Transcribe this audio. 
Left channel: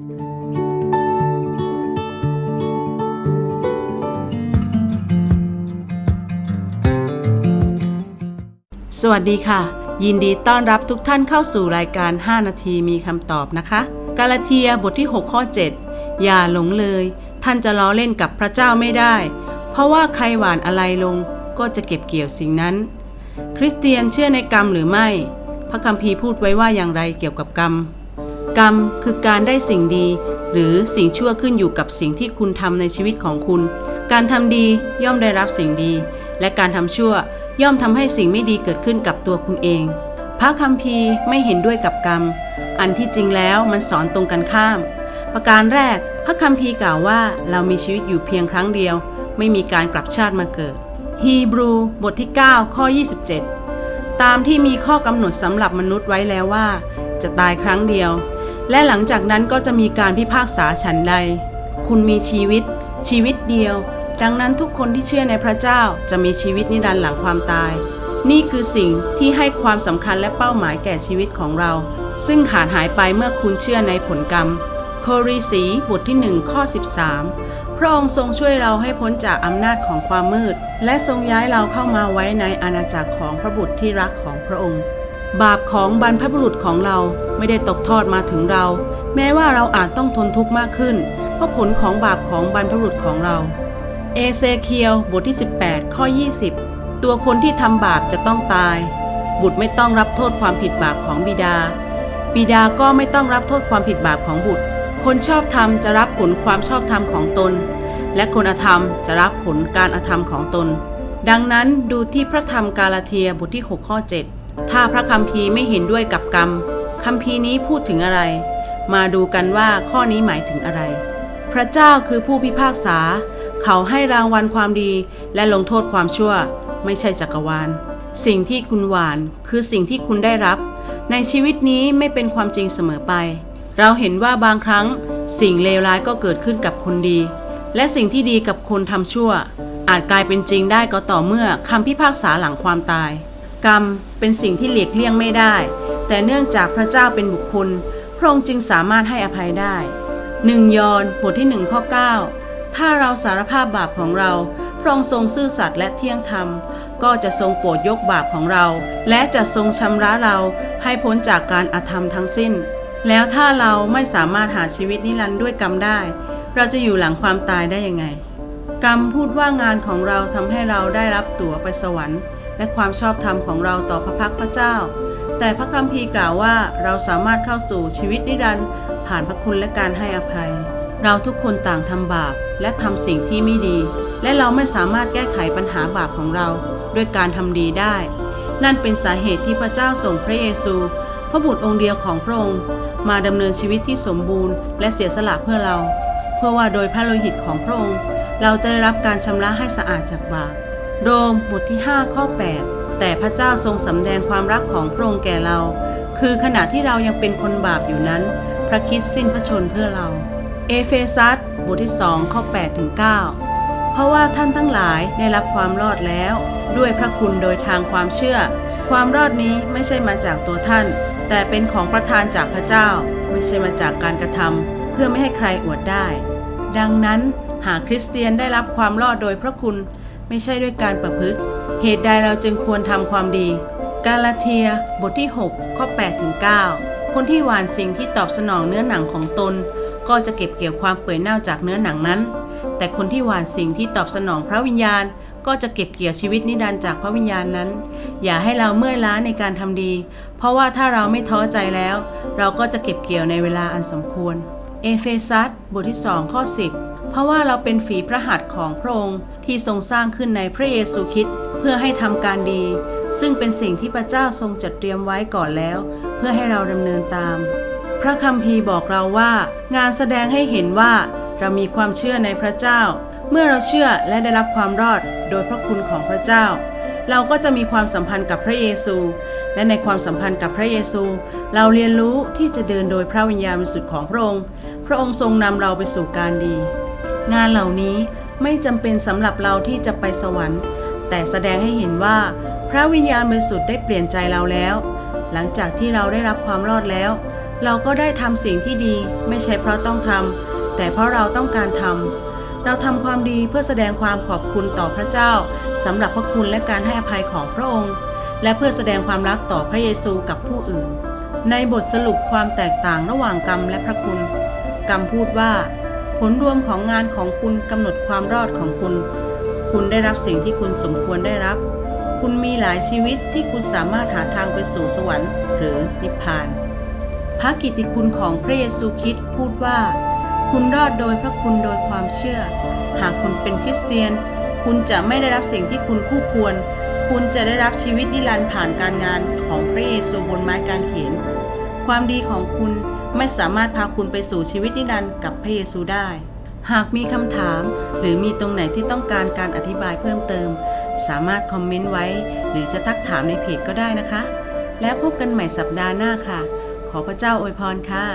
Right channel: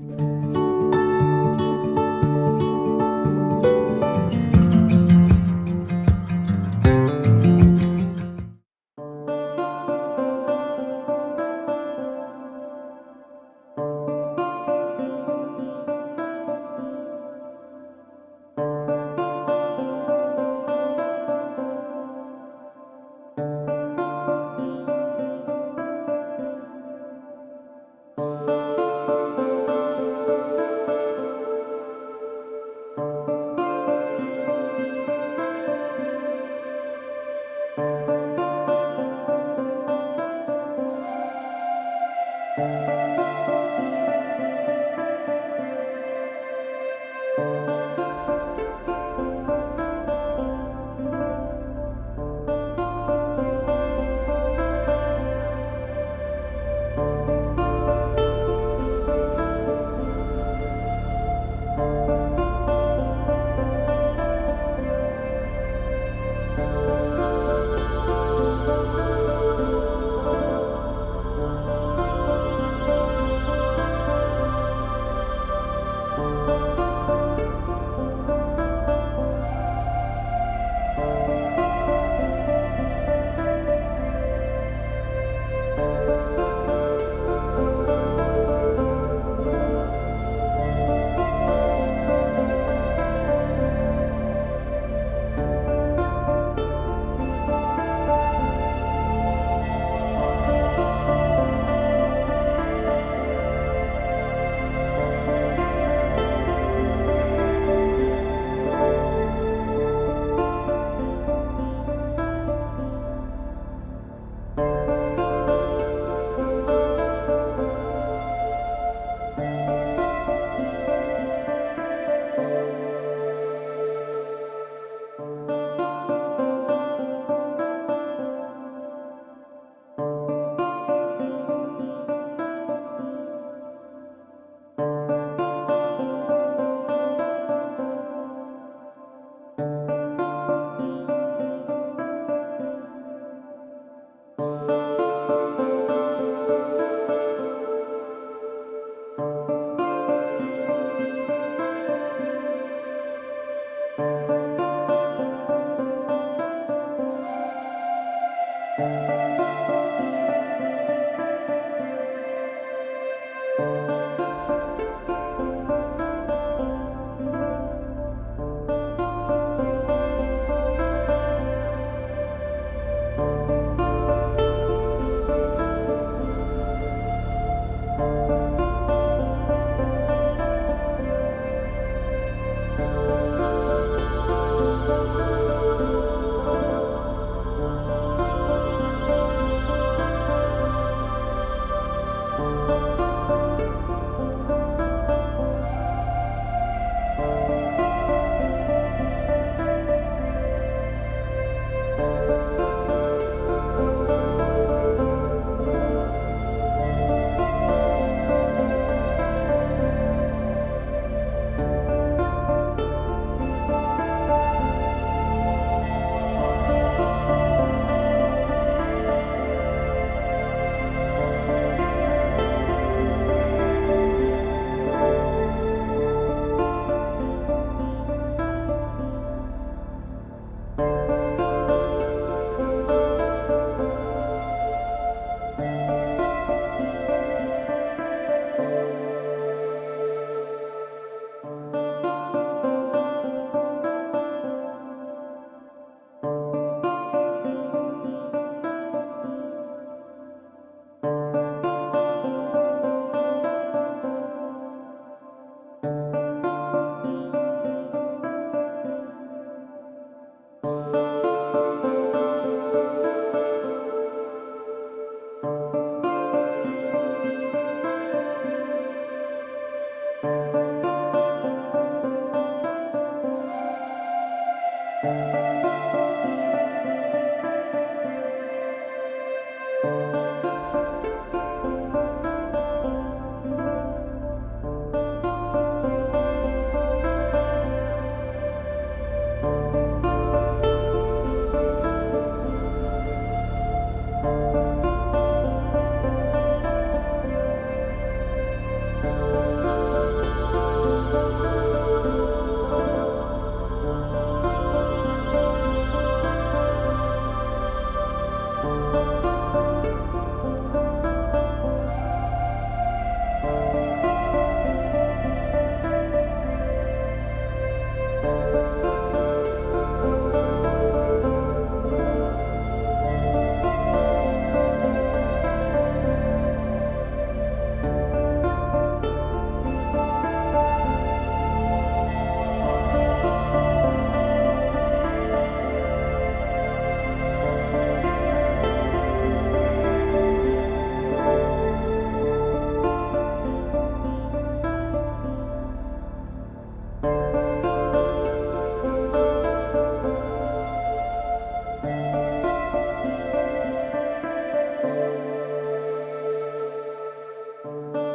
สวัสดีค่ะ ยินดีต้อนรับทุกท่านเข้าสู่รายการ 5 นาทีมีคำตอบนะคะ กาลาเทียบทที่ 6 ข้อ 7 อย่าหลงเลย ท่านจะล้อเล่นกับพระเจ้าไม่ได้ เพราะว่าใครหวานอะไรลงก็จะเก็บเกี่ยวสิ่งนั้น คริสเตียนเชื่อในกรรมหรือไม่ พระคัมภีร์พูดไว้ว่าอย่างไรเกี่ยวกับกรรม กรรมคือการได้สิ่งดี หรือสิ่งชั่วขึ้นอยู่กับสิ่งที่คุณทำในชีวิตของคุณ การทำดีย่อมได้รับสิ่งดี และการทำชั่วย่อมทำให้สิ่งไม่ดีเกิดขึ้นกับตัวคุณเอง พระคัมภีร์ไม่เห็นด้วยกับกรรม อันที่จริงแล้วมันสอนตรงกันข้าม ประการแรก พระคัมภีร์กล่าวว่าเรามีชีวิตอยู่เพียงครั้งเดียว ไม่มีการกลับชาติมาเกิด ฮีบรูบทที่ 9 ข้อ 27 ตามที่มีข้อกำหนดสำหรับมนุษย์ไว้แล้วว่า จะตายครั้งเดียว และหลังจากนั้นก็จะมีการพิพากษาฉันใด คุณมีชีวิต ชีวิตเดียว ดังนั้นทุกคนที่เชื่อในพระเจ้าจะมีชีวิตนิรันดร์หลังความตาย นี่คือสิ่งที่ให้ความสำคัญและเป้าหมายแก่ชีวิตของเรา ซึ่งขาดหายไปเมื่อคุณเชื่อในผลกรรม โครีสีบทที่1ข้อ13 พระองค์ทรงช่วยเราให้พ้นจากอำนาจของความมืด และทรงย้ายเราเข้ามาไว้ในอาณาจักรของพระบุตรที่รักของพระองค์ บาปของบรรพบุรุษของเราไม่ได้ตกทอดมาถึงเรา แม้ว่าเราอาจต้องทนทุกข์มากขึ้น เพราะผลของบาปของบรรพบุรุษของเรา เอเซเคียลบทที่ 18 ข้อ 20 ตัวคนที่ทำบาปจะต้องตาย บุตรไม่ต้องรับโทษความผิดบาปของบิดา บิดาก็ไม่ต้องรับโทษความผิดบาปของบุตร คนชอบธรรมจะรับผลความชอบธรรมของตน และคนอธรรมจะรับผลการอธรรมของตน ดังนั้นดูที่พระธรรมกาลาเทียบทที่ 6 ข้อ 7ถ้าพระคัมภีร์ไม่เห็นด้วยกับกรรมคัมภีร์นี้พูดถึงอะไร มาดูกันว่าข้อนี้หมายถึงอะไร พระเจ้าคือผู้พิพากษา เขาให้รางวัลความดีและลงโทษความชั่ว ไม่ใช่จักรวาล สิ่งที่คุณหวานคือสิ่งที่คุณได้รับ ในชีวิตนี้ไม่เป็นความจริงเสมอไป เราเห็นว่าบางครั้ง สิ่งเลวร้ายก็เกิดขึ้นกับคนดี และสิ่งที่ดีกับคนทำชั่ว อาจกลายเป็นจริงได้ก็ต่อเมื่อคำพิพากษาหลังความตาย กรรมเป็นสิ่งที่หลีกเลี่ยงไม่ได้ แต่เนื่องจากพระเจ้าเป็นบุคคล พระองค์จึงสามารถให้อภัยได้หนึ่งยอห์นบทที่หนึ่งข้อ9 ถ้าเราสารภาพบาปของเรา พระองค์ทรงซื่อสัตย์และเที่ยงธรรม ก็จะทรงโปรดยกบาปของเรา และจะทรงชำระเราให้พ้นจากการอาธรรมทั้งสิ้น แล้วถ้าเราไม่สามารถหาชีวิตนิรันดร์ด้วยกรรมได้ เราจะอยู่หลังความตายได้ยังไง กรรมพูดว่างานของเราทำให้เราได้รับตั๋วไปสวรรค์ และความชอบธรรมของเราต่อพระพักตร์พระเจ้า แต่พระคัมภีร์กล่าวว่าเราสามารถเข้าสู่ชีวิตนิรันดร์ผ่านพระคุณและการให้อภัย เราทุกคนต่างทำบาปและทำสิ่งที่ไม่ดี และเราไม่สามารถแก้ไขปัญหาบาปของเราด้วยการทำดีได้ นั่นเป็นสาเหตุที่พระเจ้าส่งพระเยซู พระบุตรองค์เดียวของพระองค์มาดำเนินชีวิตที่สมบูรณ์และเสียสละเพื่อเรา เพื่อว่าโดยพระโลหิตของพระองค์ เราจะได้รับการชำระให้สะอาดจากบาป โรมบทที่ 5 ข้อ 8 แต่พระเจ้าทรงสำแดงความรักของพระองค์แก่เรา คือขณะที่เรายังเป็นคนบาปอยู่นั้น พระคริดสิ้นพระชนเพื่อเรา เอเฟซัสบทที่ 2 ข้อ8ถึง9เพราะว่าท่านทั้งหลายได้รับความรอดแล้ว ด้วยพระคุณโดยทางความเชื่อ ความรอดนี้ไม่ใช่มาจากตัวท่าน แต่เป็นของประทานจากพระเจ้า ไม่ใช่มาจากการกระทำเพื่อไม่ให้ใครอวดได้ ดังนั้นหากคริสเตียนได้รับความรอดโดยพระคุณ ไม่ใช่ด้วยการประพฤติ เหตุใดเราจึงควรทำความดี กาลาเทีย บทที่ 6 ข้อ8ถึง9คนที่หวานสิ่งที่ตอบสนองเนื้อหนังของตน ก็จะเก็บเกี่ยวความเปื่อยเน่าจากเนื้อหนังนั้น แต่คนที่หวานสิ่งที่ตอบสนองพระวิญญาณ ก็จะเก็บเกี่ยวชีวิตนิรันดร์จากพระวิญญาณนั้น อย่าให้เราเมื่อยล้าในการทำดี เพราะว่าถ้าเราไม่ท้อใจแล้ว เราก็จะเก็บเกี่ยวในเวลาอันสมควร เอเฟซัสบทที่2ข้อ 10 เพราะว่าเราเป็นฝีพระหัตถ์ของพระองค์ที่ทรงสร้างขึ้นในพระเยซูคริสต์เพื่อให้ทำการดี ซึ่งเป็นสิ่งที่พระเจ้าทรงจัดเตรียมไว้ก่อนแล้ว เพื่อให้เราดำเนินตาม พระคัมภีร์บอกเราว่า งานแสดงให้เห็นว่า เรามีความเชื่อในพระเจ้า เมื่อเราเชื่อและได้รับความรอดโดยพระคุณของพระเจ้า เราก็จะมีความสัมพันธ์กับพระเยซู และในความสัมพันธ์กับพระเยซู เราเรียนรู้ที่จะเดินโดยพระวิญญาณบริสุทธิ์ของพระองค์ พระองค์ทรงนำเราไปสู่การดี งานเหล่านี้ไม่จำเป็นสำหรับเราที่จะไปสวรรค์ แต่แสดงให้เห็นว่า พระวิญญาณบริสุทธิ์ได้เปลี่ยนใจเราแล้ว หลังจากที่เราได้รับความรอดแล้ว เราก็ได้ทำสิ่งที่ดีไม่ใช่เพราะต้องทำแต่เพราะเราต้องการทำเราทำความดีเพื่อแสดงความขอบคุณต่อพระเจ้า สำหรับพระคุณและการให้อภัยของพระองค์ และเพื่อแสดงความรักต่อพระเยซูกับผู้อื่น ในบทสรุปความแตกต่างระหว่างกรรมและพระคุณ กรรมพูดว่า ผลรวมของงานของคุณกำหนดความรอดของคุณ คุณได้รับสิ่งที่คุณสมควรได้รับ คุณมีหลายชีวิตที่คุณสามารถหาทางไปสู่สวรรค์ หรือนิพพาน พระกิตติคุณของพระเยซูคริสต์พูดว่า คุณรอดโดยพระคุณโดยความเชื่อ หากคุณเป็นคริสเตียน คุณจะไม่ได้รับสิ่งที่คุณคู่ควร คุณจะได้รับชีวิตนิรันดร์ผ่านการงานของพระเยซูบนไม้กางเขน ความดีของคุณไม่สามารถพาคุณไปสู่ชีวิตนิรันดร์กับพระเยซูได้ หากมีคำถาม หรือมีตรงไหนที่ต้องการการอธิบายเพิ่มเติม สามารถคอมเมนต์ไว้ หรือจะทักถามในเพจก็ได้นะคะ แล้วพบกันใหม่สัปดาห์หน้าค่ะ ขอพระเจ้าอวยพรค่ะ